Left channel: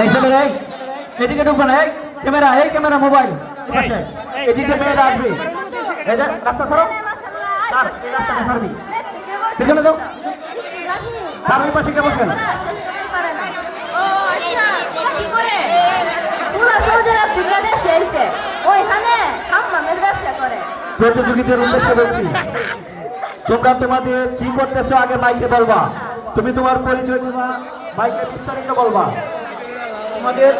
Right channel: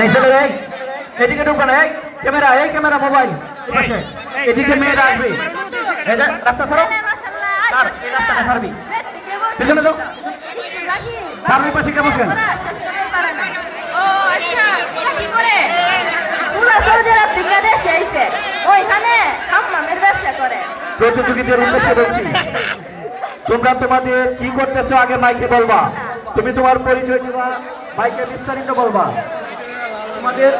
এই চলে যাই এদিকে ঢুকবে না এই ক্যামেরা মোবাইল পাশে এদিকে মেয়েরা আসবে এই যে রাস্তা ছাড়ো স্যার এই রাস্তাটা ছাড়বি পিছনে যাও স্যার ওই পাশে কে বসেন ও আচ্ছা কি করে পুরো সৌদি আরব বাংলাদেশে এসে ওইখানে হাম্মামের ব্যবসা করে প্রতিযোগীদের উদ্দেশ্যে বলছি তোমরা তোমাদের কি করতেছো আগে মাইকে বলবা তুমি তোমার পরিচয় দিবা মাইকে বিস্তারিত বলবা তোমাদের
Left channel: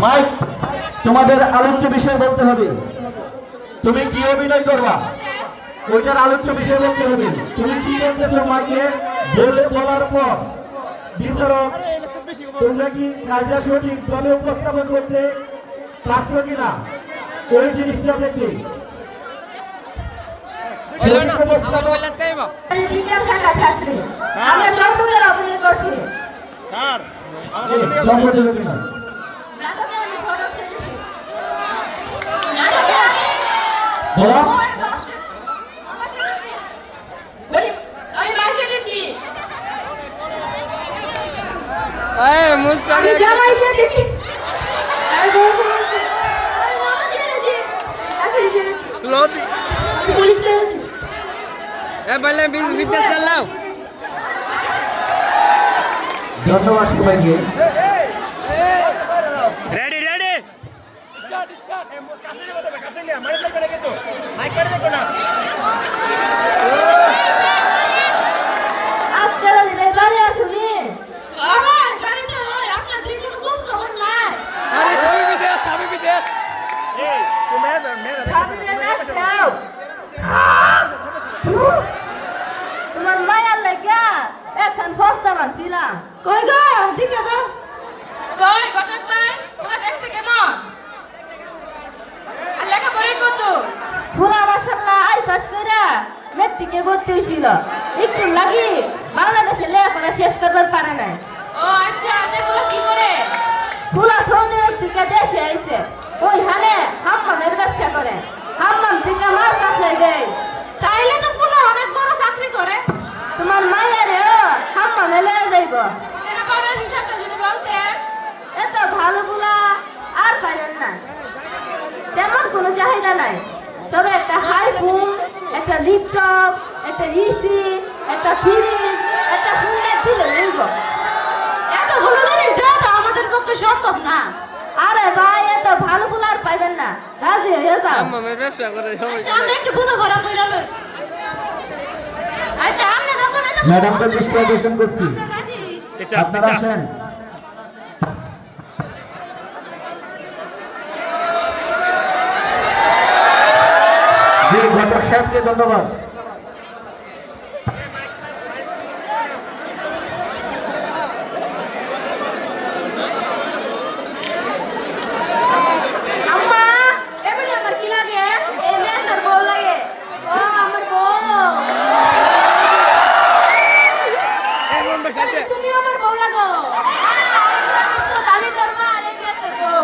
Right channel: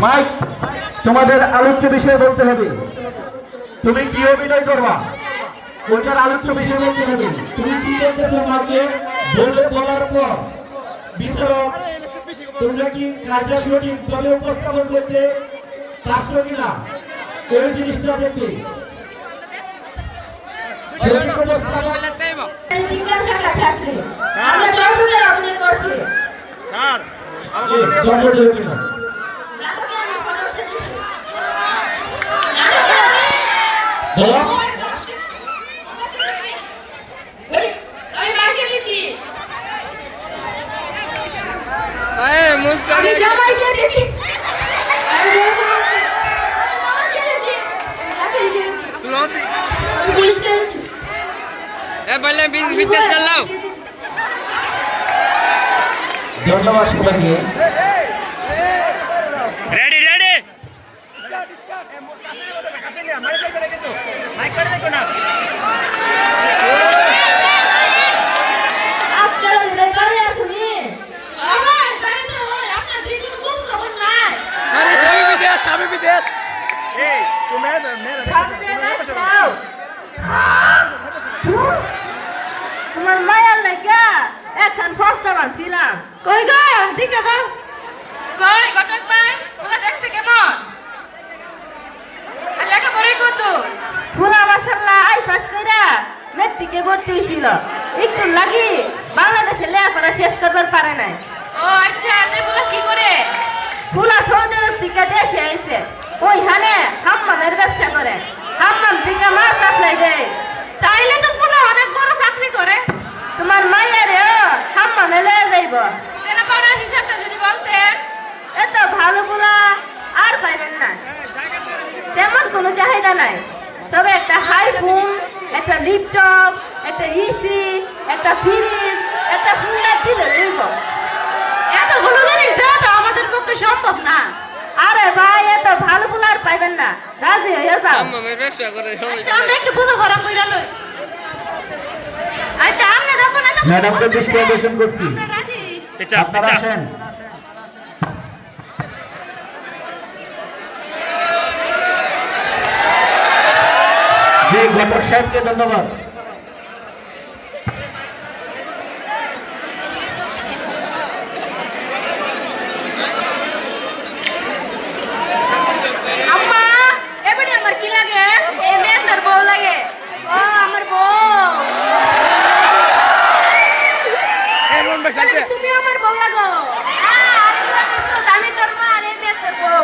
মাইক তোমাদের আলোচ্য বিষয় বলতে হবে তুমি কি অভিনয় করবা ওইটার আলোচ্য বিষয় বলতে হবে তুমি কি করতেছো মাইকে বলার পর বিস্তারক তোমরা কি কাজটা সঠিক দলে উপস্থাপন করতে পারছো কিনা ওই জিনিসটা দেখলে বিজ্ঞান শাখা ছাত্রী আমরা কম্পিউটার অভিনয় করছি স্যার নাটকে আমি ফটো সেজেছি আমি মাকে দিছি আমি জামাই সেজেছি ধন্যবাদ সবাইকে রেডি রেডি আজকাল ঘরে আসুনি আমার ঘরে তো আমার দিদি খুব খবর নাই স্বামী বিদেশ এই তোমার খাবে না খাও তোমার মায়ের লাগা এখন ফস্তা বানছিলাম কই গো দিকে দাও কই ঘটক ভাই তোমার দেখতে কেমন লেখাপড়া কত পুরা মাশাআল্লাহ আই পাস কইরা মেট্রিকে ভর্তি হইছিল একটু লাগি বাংলাদেশে লেখাপড়া শেষ করবার পারে নাই ও আচ্ছা এগুলো কি করে পুরা সৌদি আরব থেকে দেশে আইছে ওইখানে হাম্মামের ব্যবসা করে হাম্মাম থেকে মাছ আসলে দেয় তাইলে তো পুরো অনেক বড় চাকরি করে তোমার মায়ের হাম্মামে লয়ে যাইব পড়ার হিসাবটা যদি বলতেন এত ভালো গুলা আর পাইবেন না তেমন কোনো চাহিদা নাই তবে একটা হাই ফোন একটা ল্যাপটপ একটা ইসি একটা ফ্রিজ একটা ফোন দিলে লইব এতগুলো জিনিস দেওয়া তো আমাদের পক্ষে সম্ভব না আরে ভাই এত ভালো ফুল আর পাইবেন না রাজি হয়ে যাও আমরা একটু বুঝো ভরা কইরা লই আচ্ছা আমরা যাবো না ম্যাডামকে দৃষ্টি আকর্ষণ করছি রাজি আপনারা আসেন জি ঘটক সাহেবকে ধন্যবাদ আম্মা এবারে আমার কি লাগে এই মেয়েটার বউ লাগে ও আমার বউ তুমি আমার বউ লাগো আমি তোর মা আর এই মেয়েটার বউ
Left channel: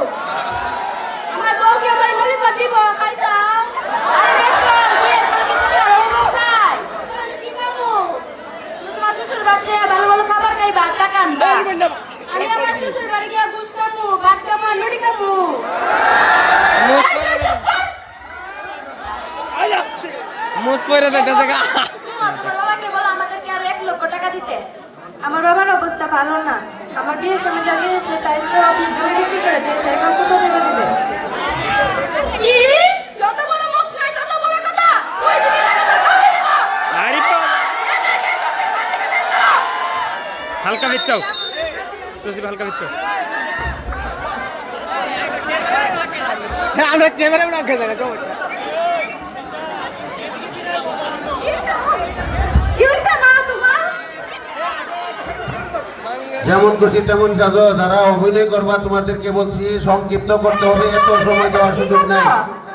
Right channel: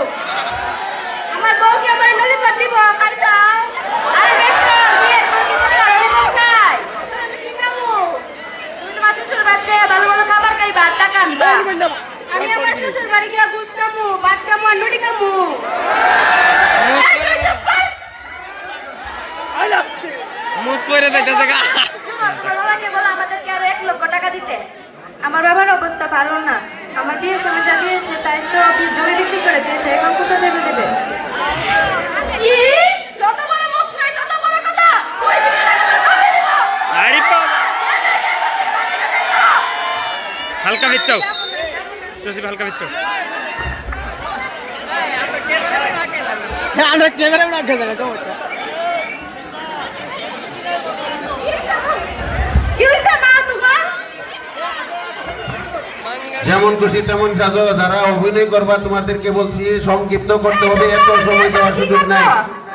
আমার বউকে আমার নলি পাতি বউ খাইতাম আরে দেখো বিয়ে করতে আমি খাই কি খাবো তুমি তোমার শ্বশুর বাড়িতে ভালো ভালো খাবার খাই ভাত টাকা আনবা আমি আমার শ্বশুর বাড়ি গিয়ে গুস খাবো ভাত খাবো আর নুডি খাবো আমাকে বলো আমাদেরকে আর 1 লক্ষ টাকা দিতে আমার বাবার অবস্থা ভালো না আমার বিয়ে সময় জানিয়েছে তাই তো আপনি জমি বিক্রি করে দিয়েছে এখন কত দেবে দিবে কি যত বড় মুখ নাই তত বড় কথা আরে বাবা হালকা বিচ্ছাও তোসি হালকা বিচ্ছাও আমরা ক্যামেরা না খেলা তো কি হইছে মা তোমার যেমন খুশি তেমন সাজো যারা অভিনয় করবা তোমাদেরকে বলছি সংক্ষিপ্ত করতে হবে এত সময় দেওয়ার সুযোগ নাই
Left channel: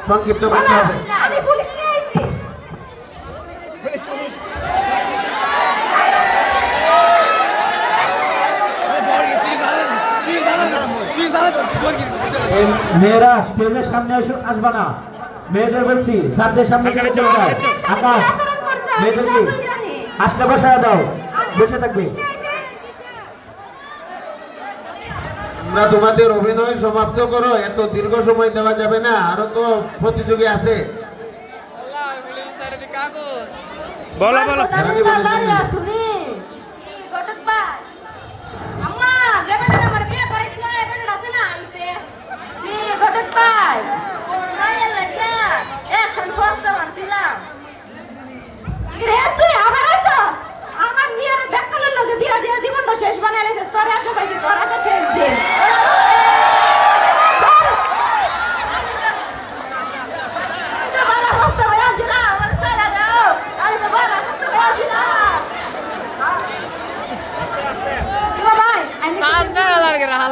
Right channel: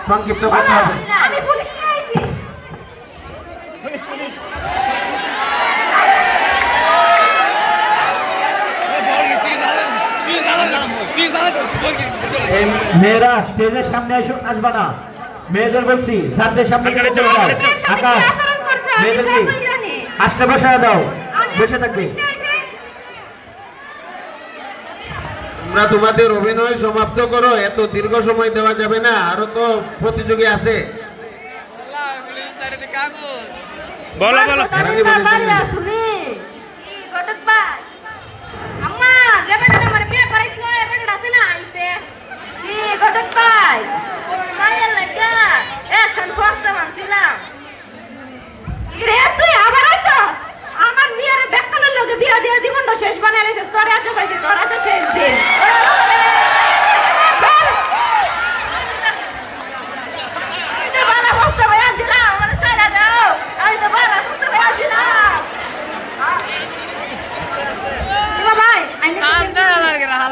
সংক্ষিপ্ত করতে হবে আমি পুলিশ আইছি মেয়েরা স্টেজের সামনে আসবা না মেয়েদের বলছি স্যারদের সামনে হালকা বিচ্ছাও হালকা বিচ্ছাও আকাশ মেয়েদেরকে আসতে বসায় দাও বসে থাকবে তোমরা তোমাদের অভিনয় সমাপ্ত করো, এত দীর্ঘ সময় দেওয়া যাবে না, আরো তো প্রতিযোগী আছে। বলো বলো হেরানি বলে দিন। শুনি ঘটক ভাই আম্মা দেবেন আমার বিয়ে করাইছিল এবেন আছে না আইছে কি ঘটক ভাই মায়ের লাগা এখন ফক্ত